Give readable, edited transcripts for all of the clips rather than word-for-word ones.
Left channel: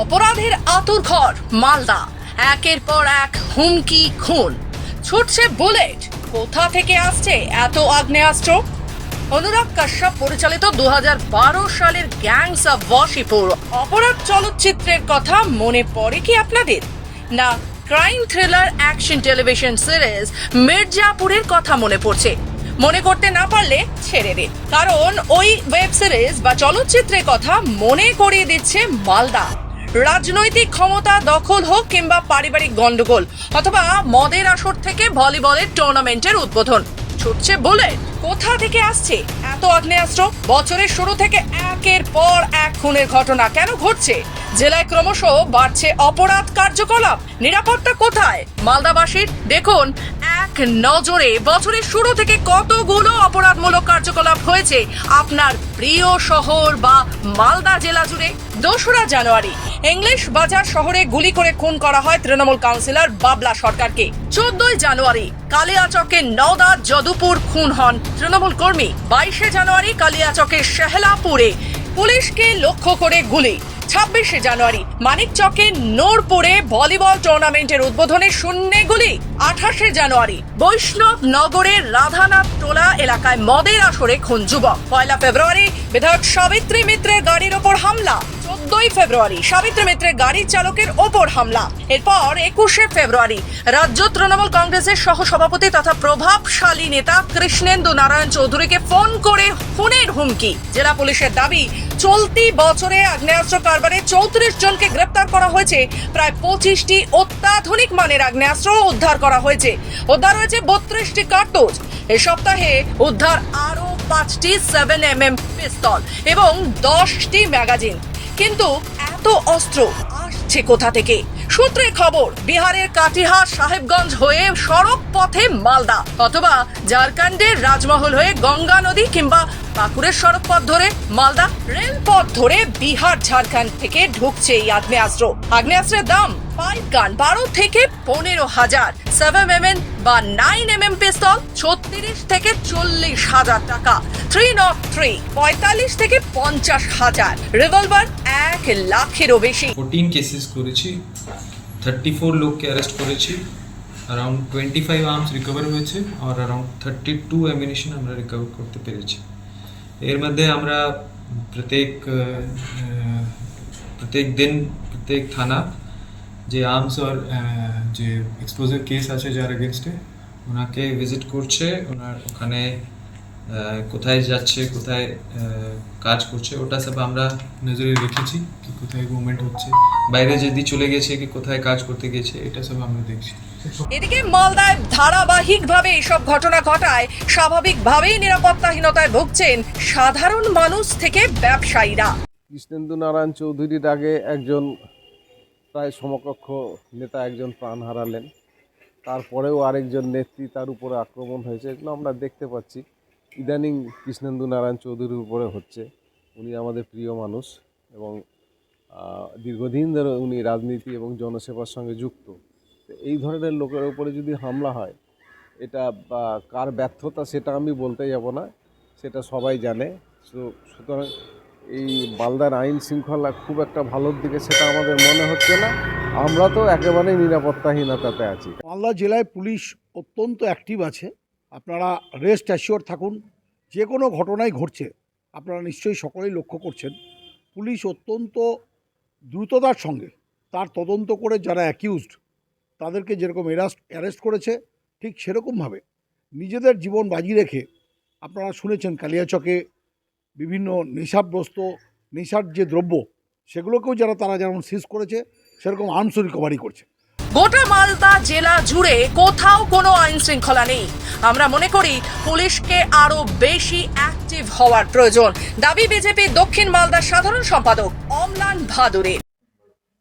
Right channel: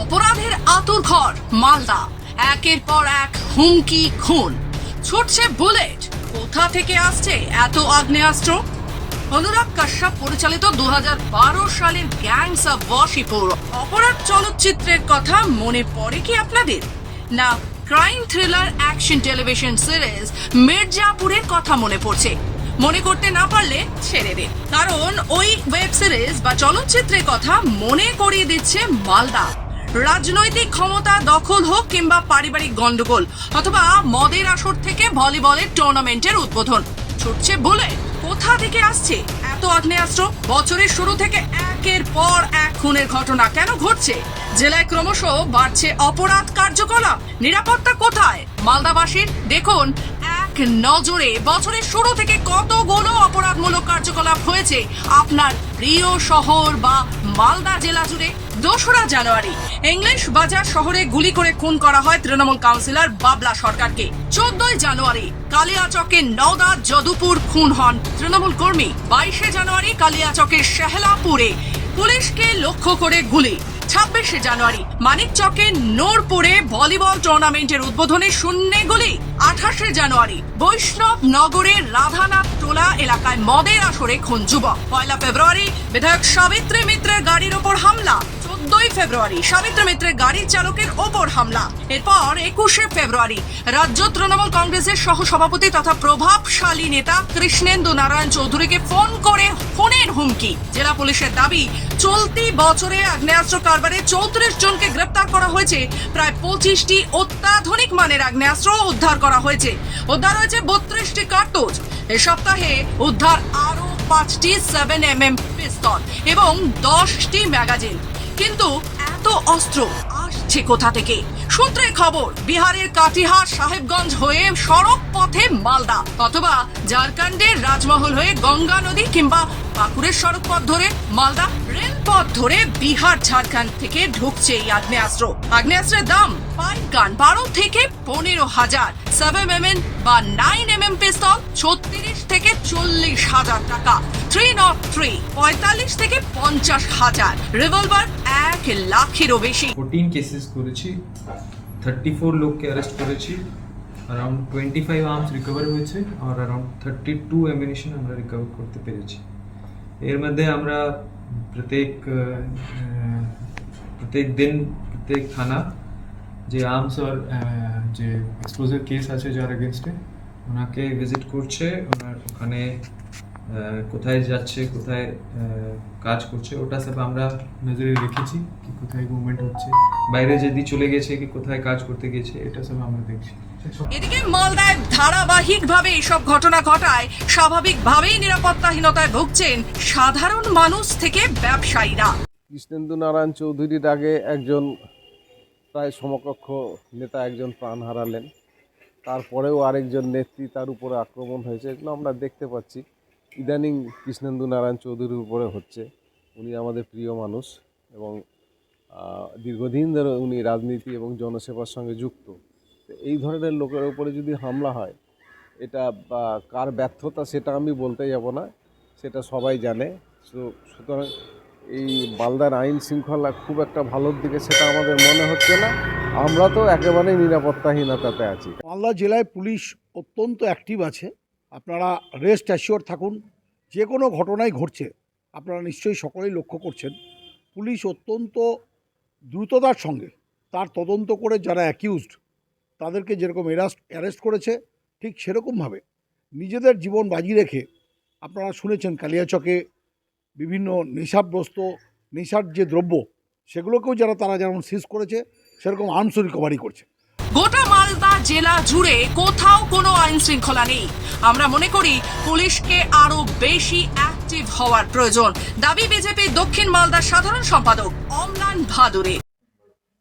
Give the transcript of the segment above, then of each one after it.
অপরাধের আঁতুড়ঘর মালদা, একের পর এক হুমকি, খুন, ছুটছে বুলেট। কোথা থেকে আসছে এত আগ্নেয়াস্ত্র? অনুরাগ কাশ্যপ পরিচালিত 2012 সালের গ্যাংস অফ ওয়াশিপুর অপরাধ চলচ্চিত্রের কথা মনে পড়ে কি আপনাদের? না crime thriller action television series মির্জাপুরের কথা মনে পড়ছে? মনে করতে না পারলে ছেড়ে দিন, কারণ ওই ওয়েব সিরিজ বা চলচ্চিত্রের কথা মনে করিয়ে দিচ্ছে মালদা। রাজনৈতিক ক্ষমতা দখল হোক কিংবা পারিবারিক গন্ডগোল অথবা মদের আসর থেকে ভলিবলের টুর্নামেন্টের উদ্বোধন, ছুটছে বলে কোথা থেকে আসছে এত আগ্নেয়াস্ত্র? বছরের শুরু থেকে একের পর এক খুনের ঘটনা কেন ঘটছে? জেলায় ক্রমশ বাড়ছে অপরাধ কার্যকলাপ, নিরাপত্তা কোথায় মালদাবাসীর? দেখুন এক নজরে বছরের শুরু থেকে কতগুলো অপরাধমূলক কার্যকলাপ হয়েছে আপনার প্রিয় শহর বা মালদা জেলা জুড়ে। 2রা জানুয়ারি ইংলিশ বাজার শহরে গুলি করে খুন করা হয় তৃণমূল কাউন্সিলর বাবলা সরকারকে। 14ই জানুয়ারি কালিয়াচকের নওদা যদুপুর খুন হন তৃণমূল কর্মী। 22শে জানুয়ারি কালিয়াচকের শেহলাপুরে পুলিশকে লক্ষ্য করে গুলি। 26শে জানুয়ারি মানিকচকের নোরপুরে ভলিবল টুর্নামেন্টের উদ্বোধনে শূন্যে গুলি। 28শে জানুয়ারি বৈষ্ণব নগরের রাধানাথ টোলা এলাকায় মদের আসরে খুন যুবক। 1 ফেব্রুয়ারি বিধায়ক সাবিত্রী মিত্রের গাড়ির ওপর হামলা। 14ই ফেব্রুয়ারি সাবিত্রী মিত্রের গাড়ির চালকের ওপর হামলা। এরপর 21শে ফেব্রুয়ারি রাজ্য তৃণমূল কংগ্রেসের সহসভাপতি তথা প্রভাবশালী নেতা কৃষ্ণেন্দু নারায়ণ চৌধুরীকে ফোন করে খুনের হুমকি। জেলা পুলিশের দাবি, চলতি বছরে আগ্নেয়াস্ত্র কারবারে 34 জনকে গ্রেপ্তার করা হয়েছে। প্রায় 25টি অত্যাধুনিক মানের আগ্নেয়াস্ত্র উদ্ধার করা হয়েছে। উদ্ধার হয়েছে 32টি কার্তুজ। এই সপ্তাহে উদ্ধার আরো 5টি 7mm পিস্তল এবং 10টি ম্যাগাজিন। কিন্তু এত অস্ত্র আসছে কোথা থেকে? সূত্রে খবর, বিহারের কাটিহার সাহেবগঞ্জ হয়ে সড়ক পথে মালদা অথবা ঝাড়খণ্ডের রাজমহল হয়ে গঙ্গা নদী কিংবা পাকুড়ের সড়ক পথ ধরে মালদা, রেলপথ ধরে বিহার ঝাড়খণ্ড থেকে ঢুকছে এই আগ্নেয়াস্ত্র। আগ্নেয়াস্ত্রের দাম পাইপ গান 12 থেকে 15,000, 7mm বা 9mm পিস্তল 36 থেকে 40,000 টাকা, 303 45 থেকে 50,000, রিভলভার 1 লাখেরও বেশি। 14 কেসেস করেছি, 34 লোককে অ্যারেস্ট করেছি, অ্যারাউন্ড 25 আর্মস রিকভার হয়েছে আর অ্যারাউন্ড 32 অ্যামিনিশন আমরা রিকভার করতে পেরেছি। এর মধ্যে আমরা প্রত্যেক দিন প্রত্যেক থানা যে আর্মস আর যে এক্সপ্লোজিভ কেস আছে যার এগেনস্টে ওনাকে ভিজিট করছে, ওনার ওখানে কোথায় যাচ্ছে, কোথায় কাজ করছে, ওটা সব আমরা নজরে রেখেছি কি কোথায় মুভমেন্ট হচ্ছে, বাইরে যদি চলে গেছে কি কোথায় কাজ করতে গেছে, এটা সব আমরা দেখছি। এদিকে মালদায় ধারাবাহিকভাবে এইসব ঘটনা ঘটায় স্বাভাবিকভাবেই নিরাপত্তাহীনতায় ভুগছেন সাধারণ মানুষ থেকে ব্যবসায়ীরা। কৃষ্ণেন্দু নারায়ণ চৌধুরীর আগে একজন প্রায় সমকক্ষ নেতা একজন প্রাণ হারালেন, তারপরেও আরেকজন নেত্রী তার উপরে আক্রমণ হয়েছে। এগুলো আমরা দেখতে পাচ্ছি ইদানিং কৃষ্ণেন্দু নারায়ণ চৌধুরীর উপরে হচ্ছে। উনি আমাদের প্রিয় মানুষ এবং দীর্ঘদিন ধরে উনি রাজনীতি এবং জনসেবার সঙ্গে যুক্ত। তো এই ধরনের লোকের উপরে যদি হামলা হয়, এটা বা কার ব্যর্থতা সেটা আমি বলতে যাব না, সেটা সবাই জানে। সুতরাং এই মালদার আইন শৃঙ্খলা খুব একটা ভালোর দিকে সেটা আমাদের মনে হচ্ছে না। আমরা তো একেবারেই নিরাপত্তাহীনতাতে আছি। মালদা জেলায় পুলিশ অত্যন্ত অ্যাক্টিভ আছে। আপনারা রেস্ট অ্যাসিওর থাকুন, যে কোনো ঘটনাই ঘটছে আপনারা নিশ্চয়ই সকলেই লক্ষ্য করছেন। পুলিশ অত্যন্ত দ্রুততার সঙ্গে তার তদন্ত করে যারা অ্যাকিউজড তাদেরকে যেরকম অ্যারেস্ট করেছে, ঠিক সেরকমভাবে নিজেদের জীবন বাজি রেখে আপনারা শুনেছেন কালিয়াচকে বিভিন্ন নেশাগ্রস্ত নেশার যে দ্রব্য সেগুলোকেও তারা যেমন সিজ করেছে, সেরকম আর্মস রিকভারি করছে। গোটা মালদা জেলা জুড়ে কোথাও কোনো আইন শৃঙ্খলা নেই। আমরা মনে করি পুলিশকে আরো বেশি অ্যাক্টিভ হওয়ার প্রয়োজন, দাবি বিজেপি দক্ষিণ মালদার সাধারণ সম্পাদক অমলান ভাদুরী।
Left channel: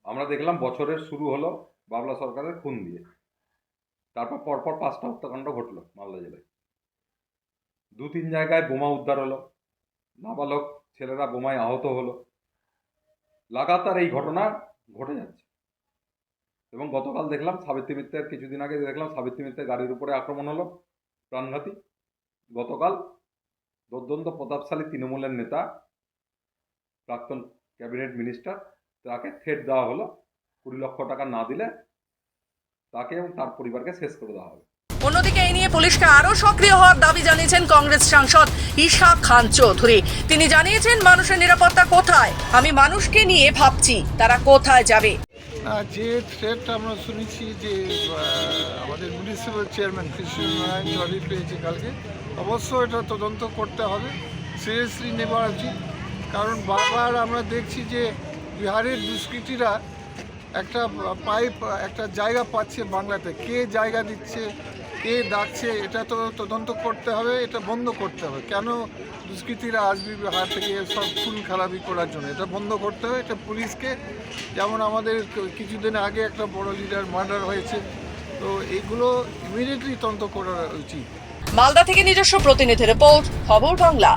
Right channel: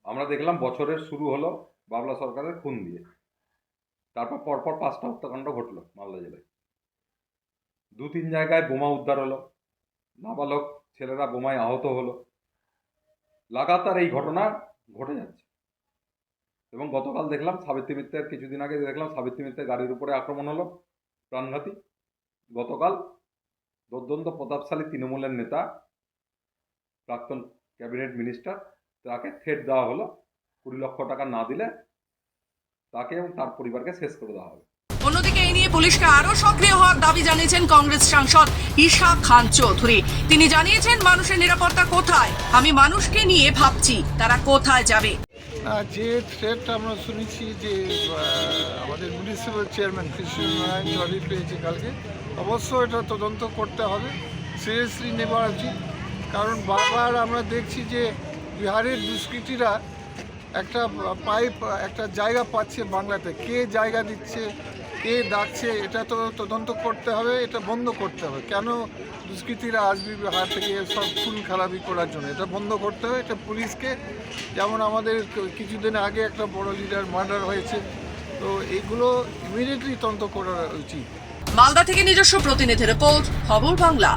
আমরা দেখলাম বছরের শুরু হলো বাবলা সরকারের খুন দিয়ে, তারপর পরপর 5টা হত্যাকাণ্ড ঘটলো মালদা জেলায়। 2-3 জায়গায় বোমা উদ্ধার হলো, নাবালক ছেলেরা বোমায় আহত হলো। লাগাতার এই ঘটনা ঘটে যাচ্ছে। এবং গতকাল দেখলাম সাবিত্রী মিত্রের, কিছুদিন আগে দেখলাম সাবিত্রী মিত্রের গাড়ির উপরে আক্রমণ হলো, প্রাণঘাতী। গতকাল দুর্দান্ত প্রতাপশালী তৃণমূলের নেতা, প্রাক্তন ক্যাবিনেট মিনিস্টার তাকে থ্রেট দেওয়া হলো 20 লক্ষ টাকা না দিলে তাকে এবং তার পরিবারকে শেষ করে দেওয়া হবে। অন্যদিকে এই নিয়ে পুলিশকে আরো সক্রিয় হওয়ার দাবি জানিয়েছেন কংগ্রেস সাংসদ ঈশা খান চৌধুরী। তিনি জানিয়েছেন, মানুষের নিরাপত্তা কোথায়? আমি মানুষকে নিয়ে ভাবছি তারা কোথায় যাবে। যে থ্রেট আমরা শুনেছি যে আমাদের মিউনিসিপ্যাল চেয়ারম্যান কৃষ্ণনারায়ণ চৌধুরী পেয়েছে কালকে, অবশ্যই এটা তদন্ত করতে হবে, সিরিয়াসলি নেওয়া উচিত। কারণ বারবার আমরা দেখছি যে বিহারের দুষ্কৃতীরা একটা একটা জায়গা পাচ্ছে বাংলাতে, কে জায়গা দিচ্ছে, কে ডাকছে, এটা তো তদন্ত করতে হবে, এটা বন্ধ করতে হবে। কেন দুষ্কৃতীরা আসবে বিহার থেকে সব খুন খারাপি করার জন্য? এটা বন্ধ করতে হবে। এটা পুলিশকে, যেমন আমাদের কিছুদিন আগে একটা বড় লিডার মার্ডার হয়েছে, তো এগুলো ইমিডিয়েটলি তদন্ত করা উচিত। মালদা থেকে নিজস্ব প্রতিনিধি রিপোর্ট, খবর বাংলা।